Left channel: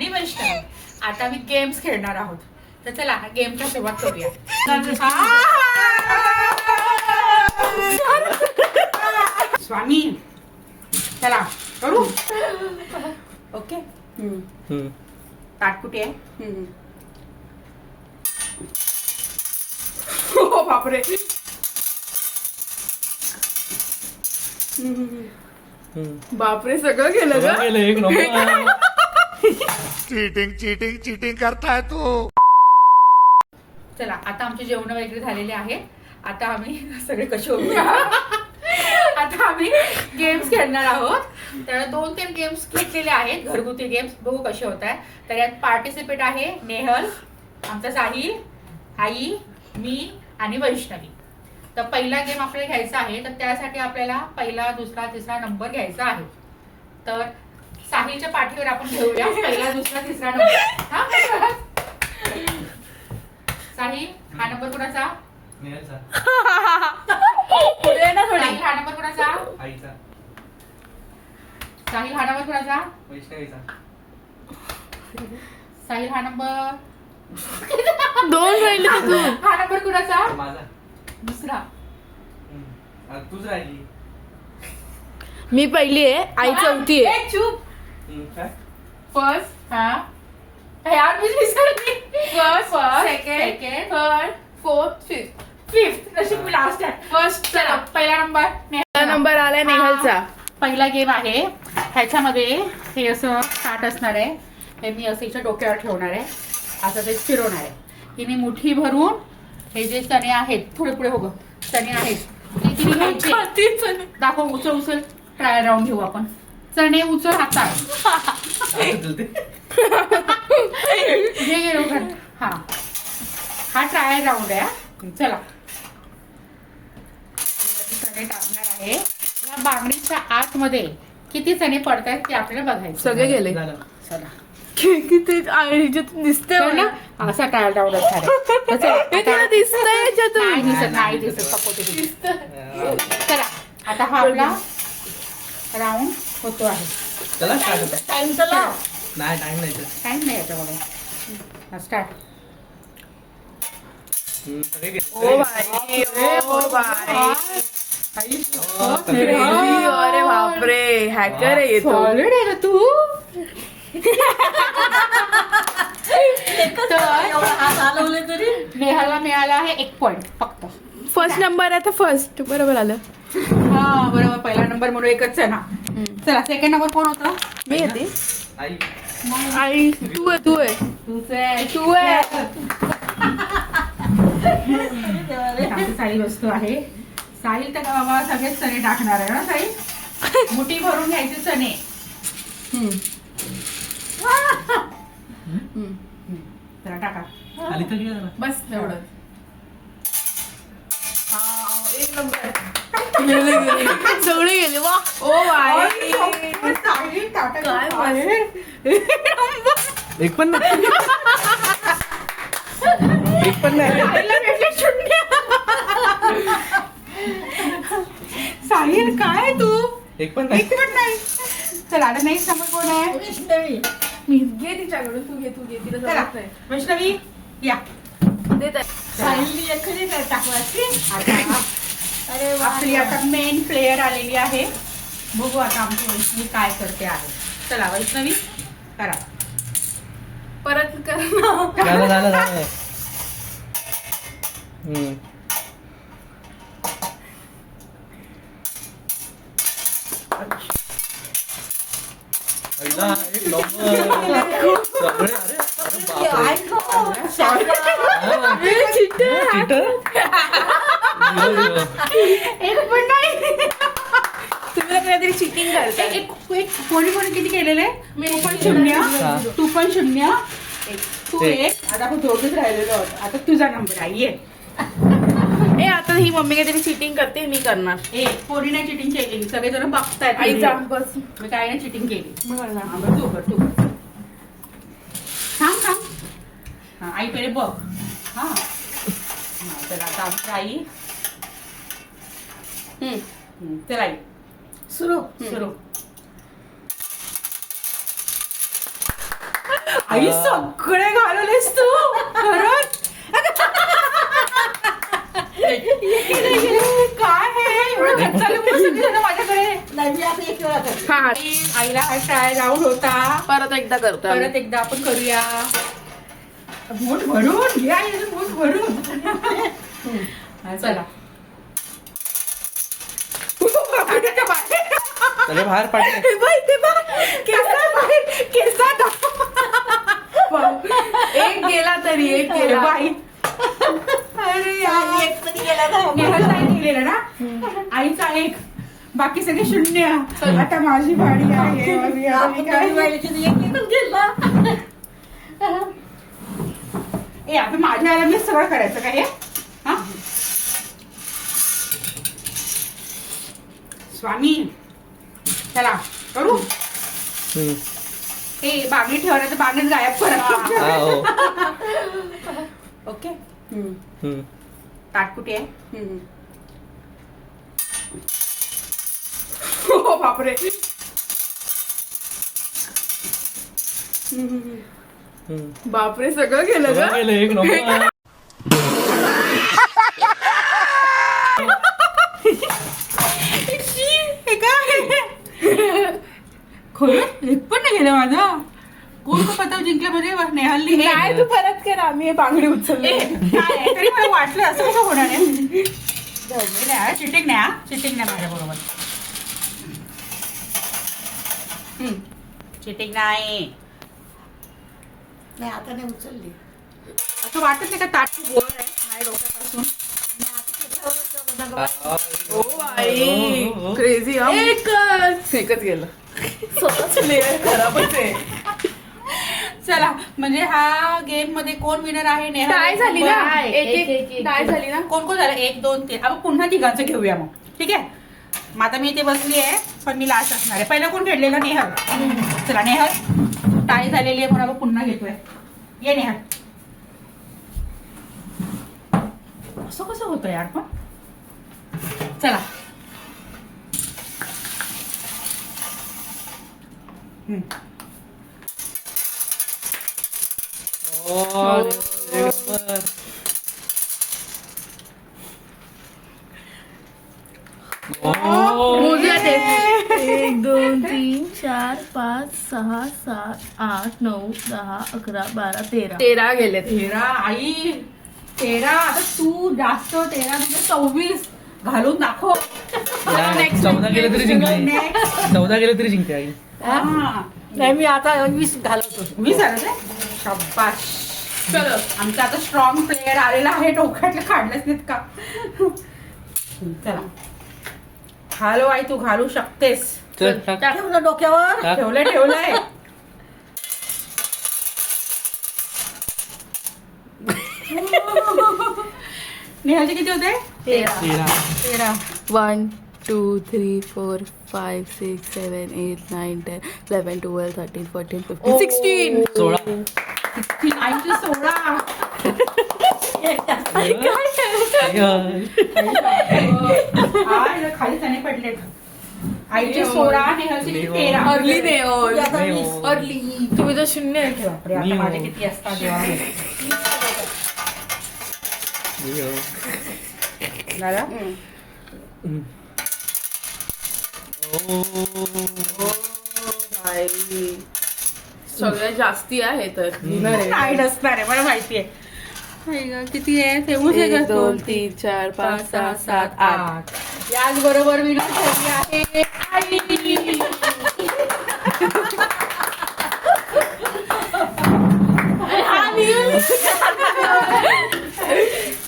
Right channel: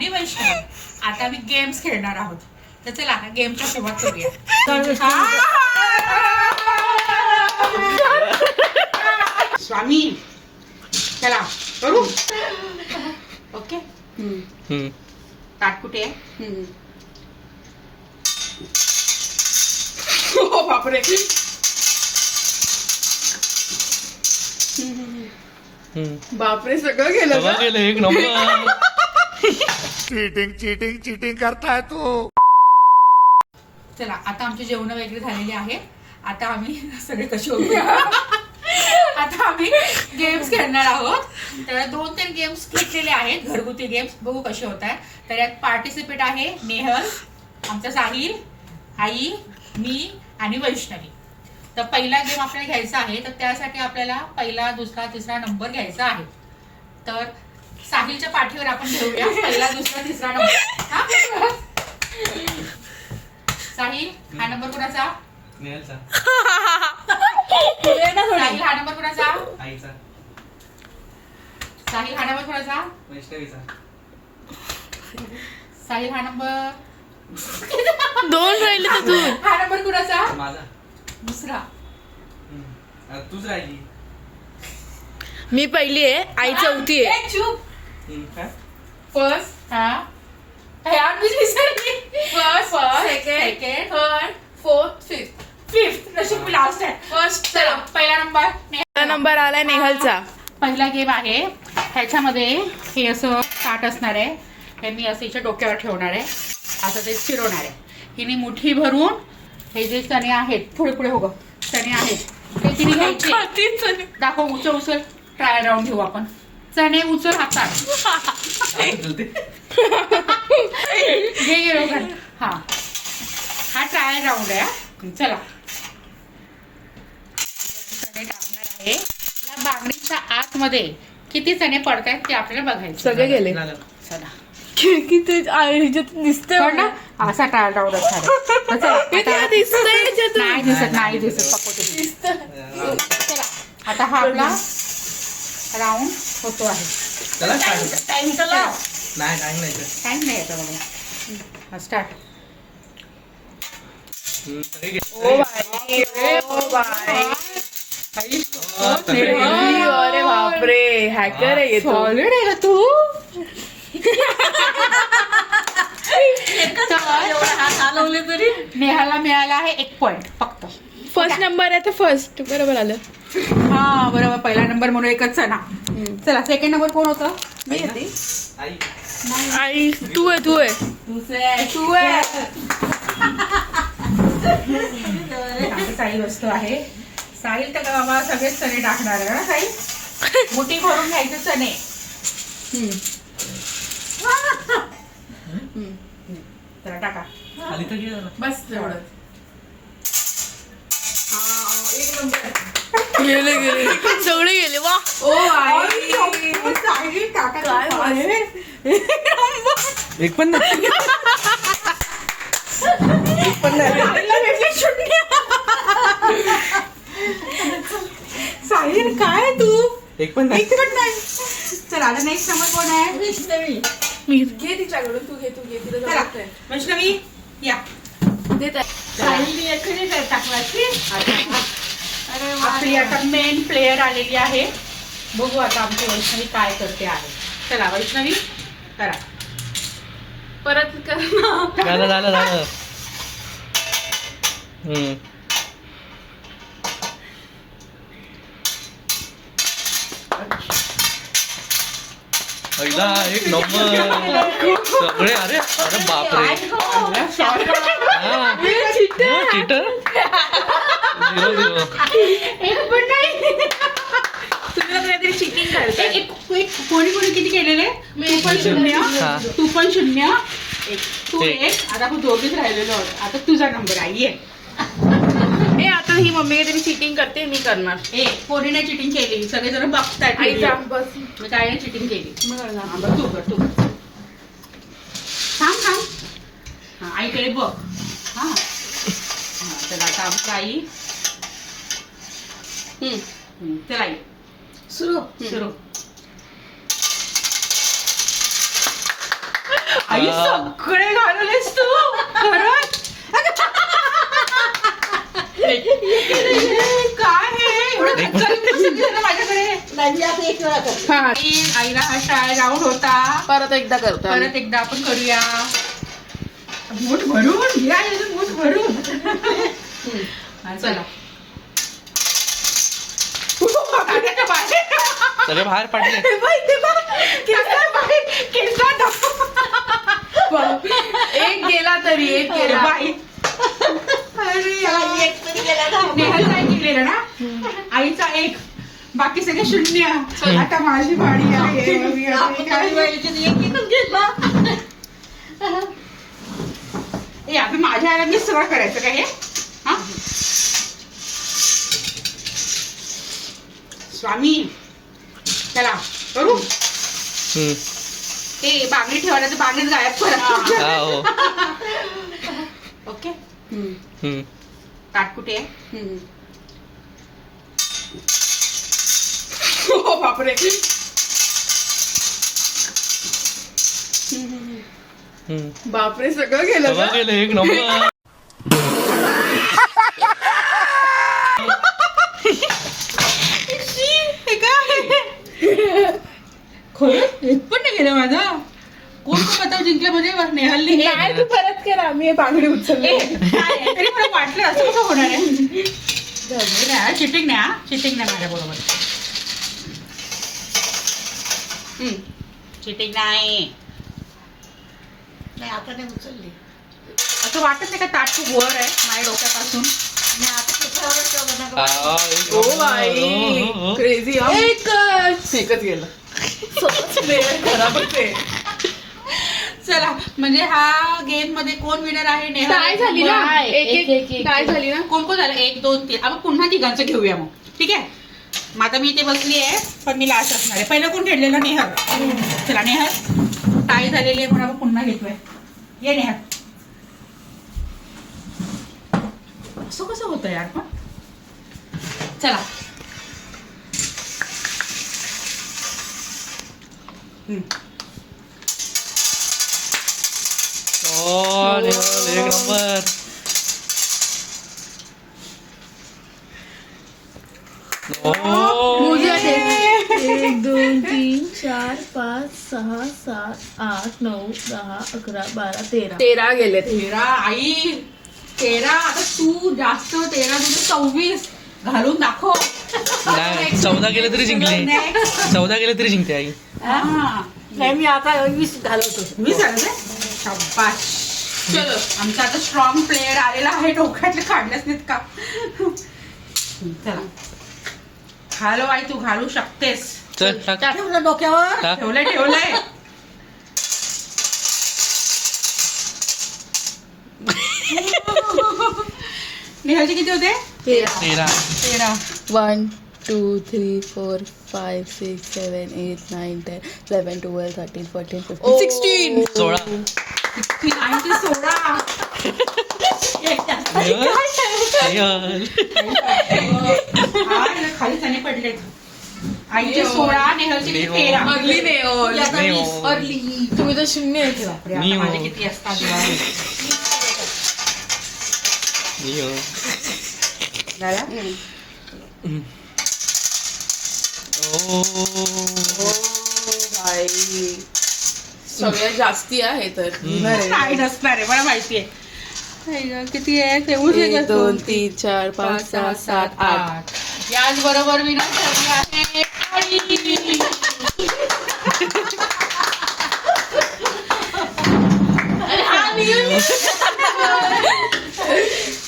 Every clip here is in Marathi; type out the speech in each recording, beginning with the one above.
आणि वैष्णवी. आता आम्ही गेम्स खेळणार आहोत. तर चला गेमच्या सुरुवात करूया. स्वामी चला करू. ओके ताट कुठे आहे? हो बापरे. बापरे सगळं गेलं का? एक नंबर. चीटिंग चीटिंग चीटिंग करताय तू. चला आता आमची जेवण वगैरे झालेली आहे. आता आम्ही सगळे कसे होते आता आम्ही गेम्स खेळणार आहोत. तर 2-3 गेम्स घेतलेले आहेत घरगुती गेम्स. बघू कसे होत आहे. तर यात पार्टिसिपेट आहे नेहल, आमचा साहिल, आई, मी आणि वैष्णवी. तर पहिला गेम आपल्याला घ्यायचा आहे. तर त्यासाठी आपल्याला पहिला, दुसरा, तिसरा नंबर घ्यायचा आहे. तर साहिलच्या पाठीवर आपण घेऊया पहिला, दुसरा, तिसरा नंबर. साहिल हा नंबर कुणाचा? नेहलचा. साहिल हा नंबर कुणाचा? आईचा. साहिल हा नंबर कुणाचा? वैष्णवीचा. साहिल हा नंबर 2 राहिले तर तू. हा नंबर कुणाचा? माझा. दुसरा. आता तूच राहिली. मी पहिली आहे, आई चौथी आहे. चूप. काय? फर्स्ट हा यार मी विसरली. First second, third, fourth, fifth. नशीब मी लास्ट आहे. फर्स्ट. चला पहिला नंबर पहिला नंबर आलाय नेहलचा. पहिला गेम आहे. ह्याच्यामध्ये हे असं ताट असणार आहे. हे मी असं हिच्या डोक्यावर ठेवणार आहे. असं ते फिरवणार आहे. हिने मुठी भरून हे जे चणे आहेत, पुढे पुढे हो ग, चणे आहेत ते तिने घ्यायचे. दाखव, उचल उचल. ट्रायल राऊंड घेऊ आपण. चणे उचल हातात. घे लवकर. हा ट्रायल राऊंड आहे. चला चणे टाकणार आहे. या बांगडीच्या आतमध्ये किती चणे पडतायत ते आपल्याला बघायचं. सगळे गेले. चला किती दिसतंय हो ना. असा ट्रायल राऊंड असणार आहे. तर चला, आता- दिसतंय नाही दिसत, नाही दिसत. पकवते दिसत. चला आता हा आपला राऊंड होतो आहे. चला start होतं. टाइम तर लाव. नाही टाइम नाही. टाइम नाही येतो मला. स्टार्ट. सगळे गेले. O by, O by. अरे बापरे, हॅकर आहे येतो. सॉलिड आहे का तू? नेहाला मिळाला आहे 1 पॉइंट फक्त. फर्स्ट नंबर आहे तर फर्स्ट बरोबर आलं. हा बरोबर. पहिला नंबर म्हणून एकच आहे ना. चला सेकंड नंबर कोण होता? मी येते. आई. आई तू आहे, तू आहे. तू आहे. आमची साहिल वस्तू आहे. साहिल तर बाबा सगळेच चणे टाकणार आहे ना साहिल. मुठी भरून घ्यायचे चणे. चला टाका. खाली तर गेला ना. बस एवढं. एक नंबर. गेले गेले सगळे गेले. वा. ओ आई. साहिल टाका. एक पण नाही. एक पण नाही. साहिल काय तू? एक पण नाही. एक पण नाही. चला आता नेक्स्ट नंबर कोण आहे? वैष्णवी. मी. घे तिच्याकडून, तू घे, तू घे. तिला चला जमतंय. वैष्णवी या. देत आहे. साहिल एखादी टाकलाची. आपली आता मेन प्लेयर आलेली आहे. बघू आता आमची वैष्णवी काय करते आहे. चला वैष्णवी करा. परत कर. झालं झालं झालं. पहिला एक नंबर. सगळे अरे अरे बापरे. चीटर. 0-0. एक पण नाही. तुला काहीतरी चिटिंग करायचं. एक कोणी कोणी किती केलेले? मी 2 पण 0. हा. 2 पण 0. तू एक. 1. आता आपण दोघेच राहिलेलो आहोत. आता तुझा नंबर आहे. ये. ए आता ही मम्मी काहीतरी चिटिंग करते, मी करणार. कोणी नाही चिटिंग केली. सगळेजण बघतायत. आई video. सांग बस. मी काय नाही चिटिंग केली. मी करणार. हा, बरं, तू कर, तू कर. थांब. हा, आईकडे बघ. हा. चला आता आमची आई. चला आई सुरू. सुरू. आई सगळे घालवलेस तू खरंच काय हे एवढं धक्का देऊन बसली ना माझ्याकडे. हा आईला हा ट्राय राऊंड होता. परत एकदा करतो आम्ही. परत एकदा आपण करूया. मूठ भरून घ्या मूठ भरून. चला सगळे बाहेर पडले. एक गेला तरी एक गेला. बाई नेहल काय केलेलं ना आईचा एक बाकी सगळे शून्य. आता माझी बाणी आहे. ए आपण माझ्या आला मी सगळं करायचं काय हे हा? स्वामी चला करू. ए बागडी ठेवला तर बागडीच गायब करा. हा हो. ओके ताट कुठे आहे. हो बापरे. बापरे सगळं गेलं सगळं का. गेलं एक नंबर. खरं एक पण नाही गेलं माझा. कोण तो पतंग जिंकल्या म्हणजे नेहलनी हे नाही तू परत कर. आम्ही हे बांगडी उचलली. नाही, तरी मला वाटलं असं कसं होणार आहे. चिटिंग नाही बरोबर. चिटिंग नाही. आता नाही उचलली. असं वाटत नाही का ताट खूप वर आहे माझ्या डोक्यापासून. O by crazy. एकच गेलं. स्वतःच प्लेअर खराबच आहे. चला म्हणजे हा गेम मध्ये कोण विनर आहे नेहा. काय झाली ना नाही, एक काय झाली ना. कोण झालं 1 2 3. आपण पुन्हा तिघांचं घेऊया मग ठीक आहे. मग आता मी इथे बसली आहे पण मी लास्ट असणार आहे. पहिलं कोण खेळलेलं नेहल. चला नेहल टाय झालेली आहे म्हणून आपण पुन्हा घेतोय. ये नेहल. असं कसं होतं यार पण. चला एक नंबर. मुझे देख. 1 2 3 4 5 6 7 8 9 10 11 12 13 गेले. 13 आई 13. आता तू जास्त 13 म्हणजे 24 घालून दाखव. 14 गेले तरी जिंकले. 14 गेले तरी जिंकते आई. नाही मी आता 20 घालवतो. मी सांगते शाबाश. चलो आमचा आता स्ट्रॉंग प्लेअर आलेला आहे. डोक्यातलं काढलंच नाहीत का. चला घालू आई तू घालू शकतेस. चल टाक. ठेवलं डोक्यावर. टाक. ठेवलंय नेहाचे किती होते. 13. 13. 1 2 3 4 5 6 7 8 9 10 11 12 13 14 15 16 16. आईचे 16. खाली जाणे पडले. आईचे 16 नेहाचे किती 13. अर्ली नाही अर्ली. तुम्ही तर शून्य आहे. बापरे, आता माझे किती असतात यार. झाला? सगळ्यात जास्ती आहे तर नाही नसणार आहे मला माहिती आहे. किती आहे 1 2 3 4 5 6 7 8. याच बरोबर मी ठरले आहे आई.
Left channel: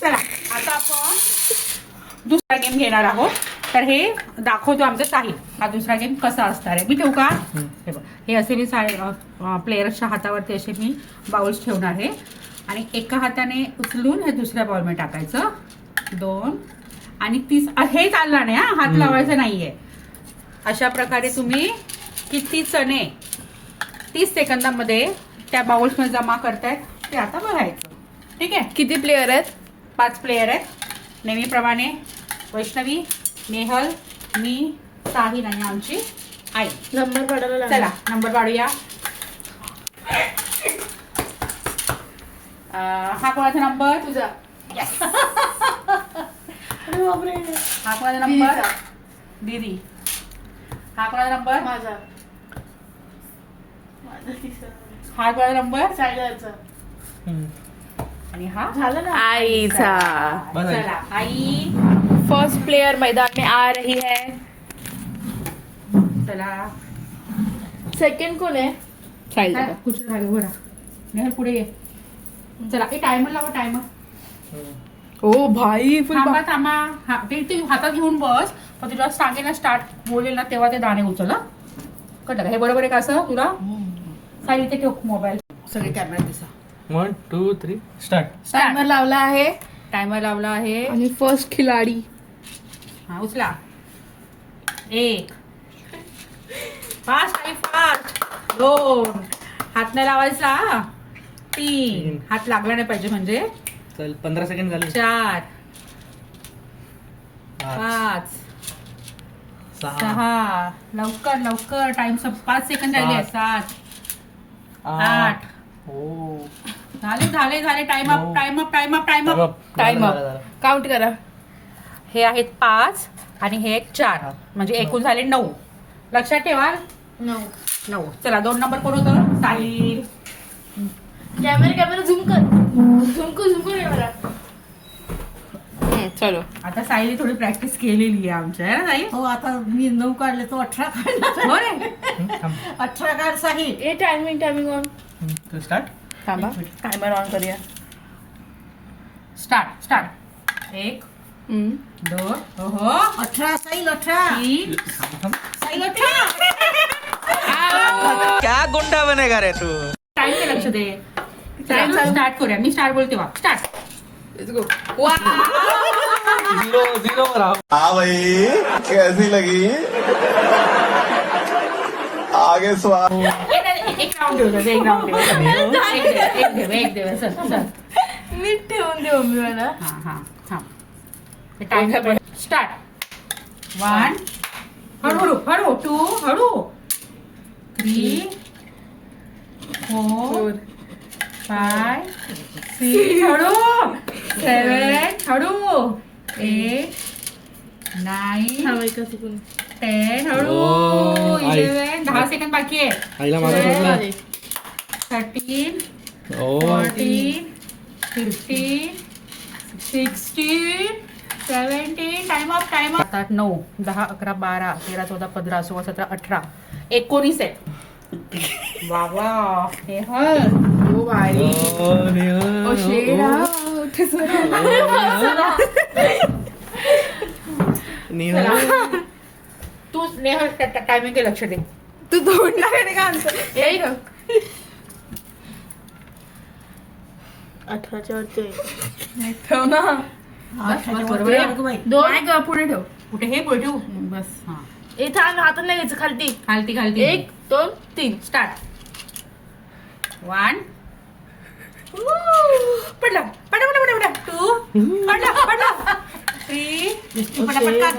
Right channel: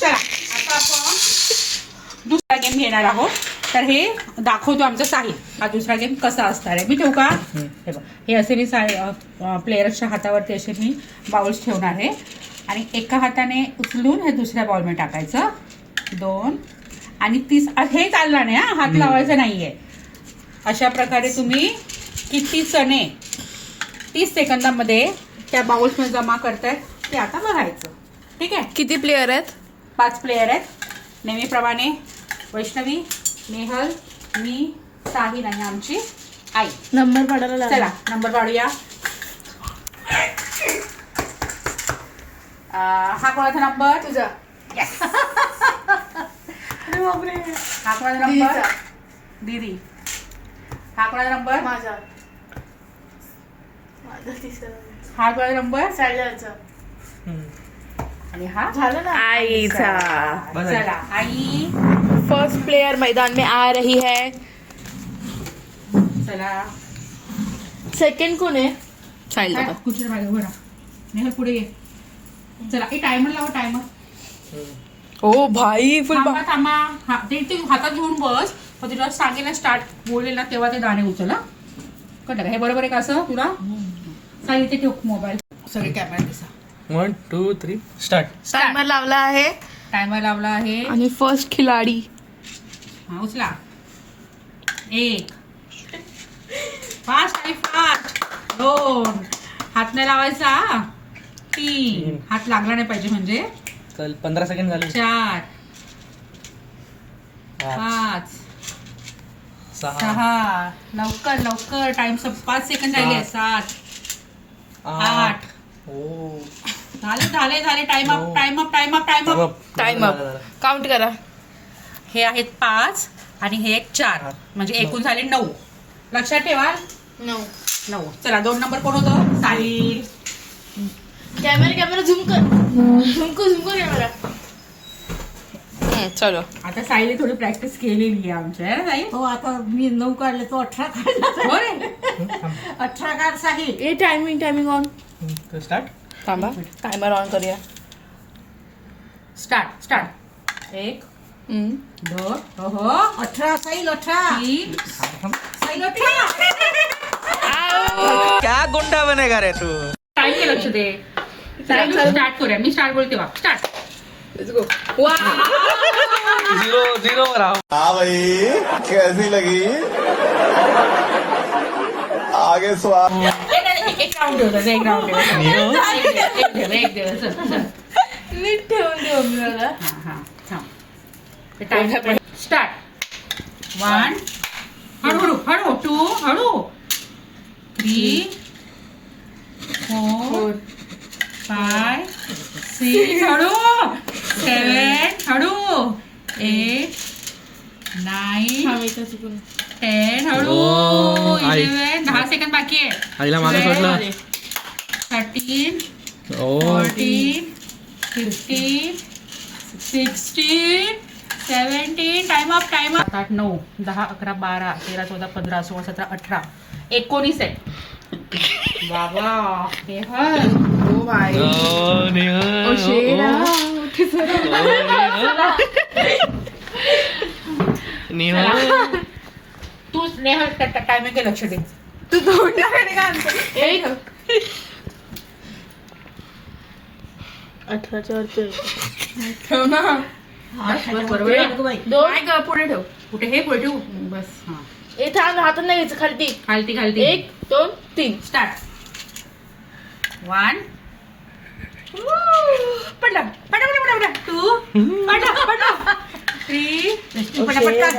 चला आता आपण दुसरा गेम घेणार आहोत. तर हे दाखवतो आमचं साहिल. हा दुसरा गेम कसा असणार आहे. मी ठेवू का. हे बघ हे असे मी प्लेयर्सच्या हातावरती असे मी बाउल्स ठेवणार आहे आणि एका हाताने उचलून हे दुसऱ्या बॉलमध्ये टाकायचं. 2 आणि 30 हे चालणार नाही हा. हात लावायचा नाहीये. अशा प्रकारे तुम्ही किती चणे 30 सेकंदामध्ये त्या बाउल्समध्ये जमा करतायत ते आता बघायचं. ठीक आहे. किती प्लेयर आहेत. 5 प्लेयर आहेत. नेहमीप्रमाणे वैष्णवी, नेहल, मी, साहिल आणि आमची आई. नंबर काढायला चला नंबर काढूया. हा कोणाचा नंबर? तुझा. अरे बापरे. हा कोणाचा नंबर? दीदीचा. दीदी. हा कोणाचा नंबर? माझा. माझा तिसरा. हा कोणाचा नंबर? सायलाचा. आणि हा झालं ना. आईचा. बस आहे. चला आई. फर्स्ट प्लेयर मैदान में आ रही है. चला सेकंड कोण आहे? साहिल खुर्चीच्या मागे उभं राहा. नेहल पुढे ये. चला एक टायमर लावा टायमर. ओ भाई फुल थांबा थांबा. हा ते हातात घेऊन बस. मग तुला सांगेल ना स्टार्ट बोलेल ना तेव्हा ते दाणे उचल. कळलं का? हे बरोबर आहे का असं तुला? चालेल इथे ठेव मोबाईल. सगळे कॅमेरा दिसा. 1 2 3 स्टार्ट. टाइमर लावला आहे टायमर लावला आहे. आणि फर्स्ट खिलाडी. हा उचला. 1 फास्ट आणि फास्ट. 2 हात नाही लावायचा. 3 हात लागला नाही पाहिजे म्हणजे. चल 15 सेकंड झाले. 4 5 5 6 6 लवकर लवकर टाइम 5 सेकंड राहिले. 7 8 हो झाले time up time up time up time up. Time up. Count करा. हे आहेत 5 आणि हे आहेत 4 म्हणजे एकूण झाले 9. लक्षात ठेवा 9. चला 2 नंबर कोण होतं? साहिल. कॅमेरा झूम कर कॅमेरा. चलो. आता साहिलने थोडी प्रॅक्टिस केलेली आहे आमच्या है ना साहिल? हो आता मी 9 काढले तो 18 काढला. हो रे. 18 काढ साहिल. ए टायमिंग ऑन. स्टार्ट. थांबा टाइमर ऑन करूया. स्टार्ट 1 2 हो 18 साहिल 18. 3 साहिल 18. क्या गुंडा बनेगा रे तू. टाइम के लक्ष दे. स्टार्ट करूया. मी स्टार्ट बोलते वा. स्टार्ट. Let's go. 0 वर आहो. हाँ भाई कैसी लगी आगे स्वाद एक राऊंड ठेवतो. एक राऊंड ठेव. चल. नीट ठेवून देऊ मी मला. हा थांब. Time start. 1 हळू 2 हळू 3 4 5 6 हळू 7 हळू 8 9 थांबायचं चुकून. 10 हळू ओ, आई. 11 10 सेकंड बाकी आहे. आईला मागे सोडला. 13 ओ 14 15 16 17 टाइम अप 8 9 10 11 12 13 14 15 16 17 18 19 आहे. बाबा हे हल. O by. ओ शेरा. तू नेहल टायमिंग के लक्ष दे. तू तोंडाकडे का आणतो? एक 18च्या वरती आहे. ठेव ना. बरोबर आहे. दोन का पुढे ठेव. कुठे हे पुढे ठेवू बस. हा ए थांब हातात नाही घ्यायचं खालती. खालती 1 2 3 स्टार्ट. 1 पडला 2 पडला 3 पडला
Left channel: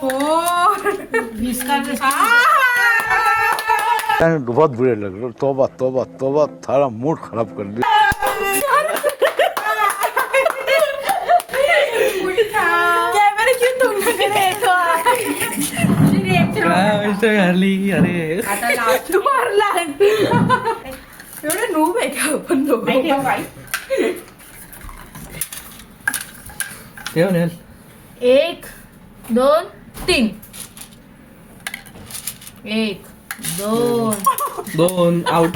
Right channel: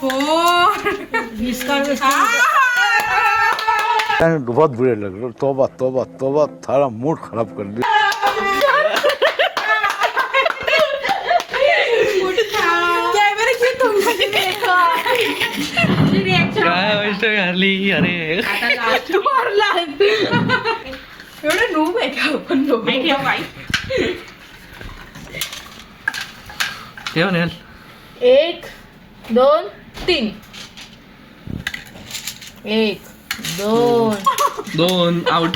4 20 काढ. बहुत बुरे लग रहे तोबा तोबा तोबा थारा मूड खराब कर दिया कॅमेरा क्यों तुमच्याकडे आहे का? काय गोष्ट घाली अरे. तू मारला. एवढं नूब आहे का आपण दोघं? ठेव नेल. 1 2 3 1 2 2 आउट.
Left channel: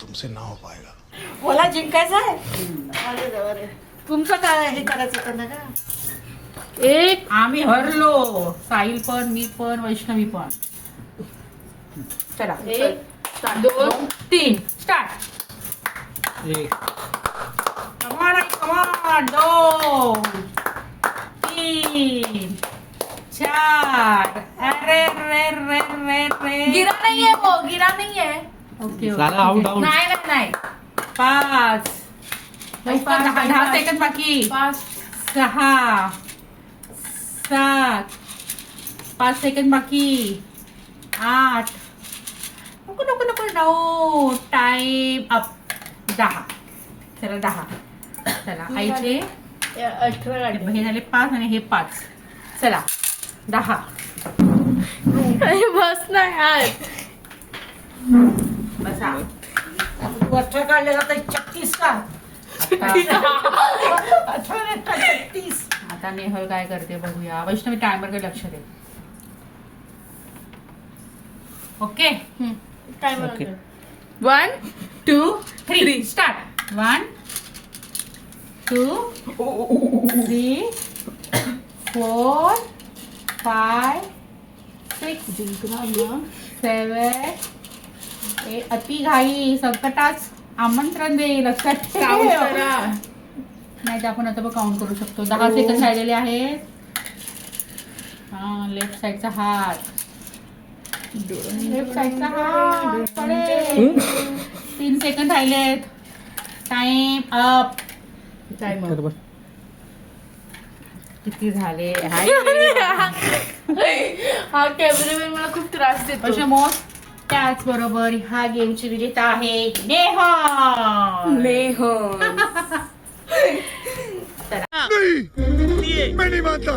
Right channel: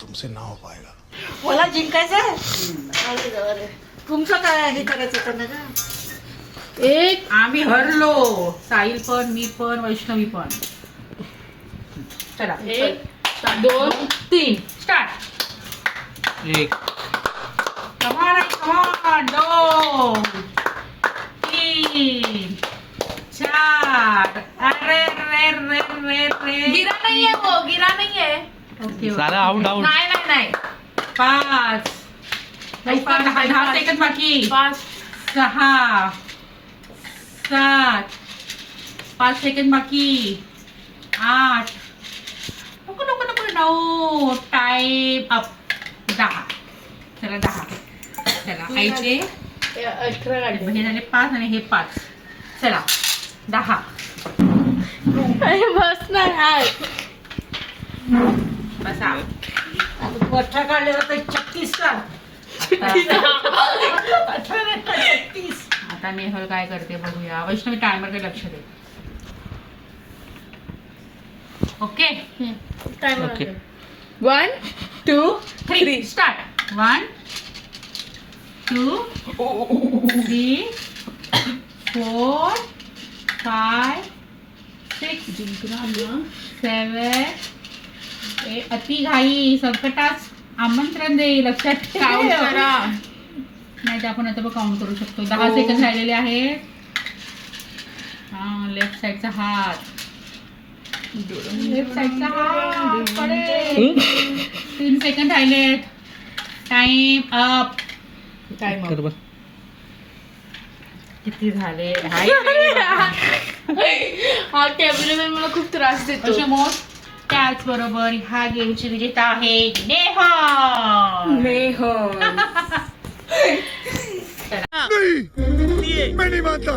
तुमसे ना हो पाएगा मला जिंकायचं आहे. तुमचं काय हे करायचं होतं ना का? 1 आम्ही हरलो. साहिल पण मी पण वैष्णवी पण. चला 1 2 3 स्टार्ट. 1 कमान 2 3 4 अरे रे रे रे रे गिरा नाहीये वो, गिरा नाहीये. ओके झाला आउट आउट. नाही 5 10 सेकंद बाकी. 5 6 7 5 सेकंद बाकी. 8 नको 9 9 टाइम अप 10. चला 10. चला आईचे 18 गाडी हे झाले 5 आणि हे 5. चला 10. बस नाही आहे बसा. तू 18 काढले जाता 36 का आता नेहल काय करते बघूया. वैष्णवी टायमरकडे लक्ष दे. Okay okay 1 2 3 start. 1 2 3 4 5 6 7 अति घाई संकटास आमंत्रण दे. लक्षात काउंट ठेव. करा. नाही तर आपण आता काउंट करू शकतो. 10 सेकंद राहिलेले आहेत. हा लेफ्ट साईडचा हात. लेफ्ट साईडचा हात पडेल. 3 सेकंद राहिलेत. Time up. टाइम बरोबर किती झाले? हा कॅमेरामॅन मला खूप त्रास देतो अशा त्याचबरोबर ह्या गेमची विजेता आहे नेहा. मैं नहीं मानता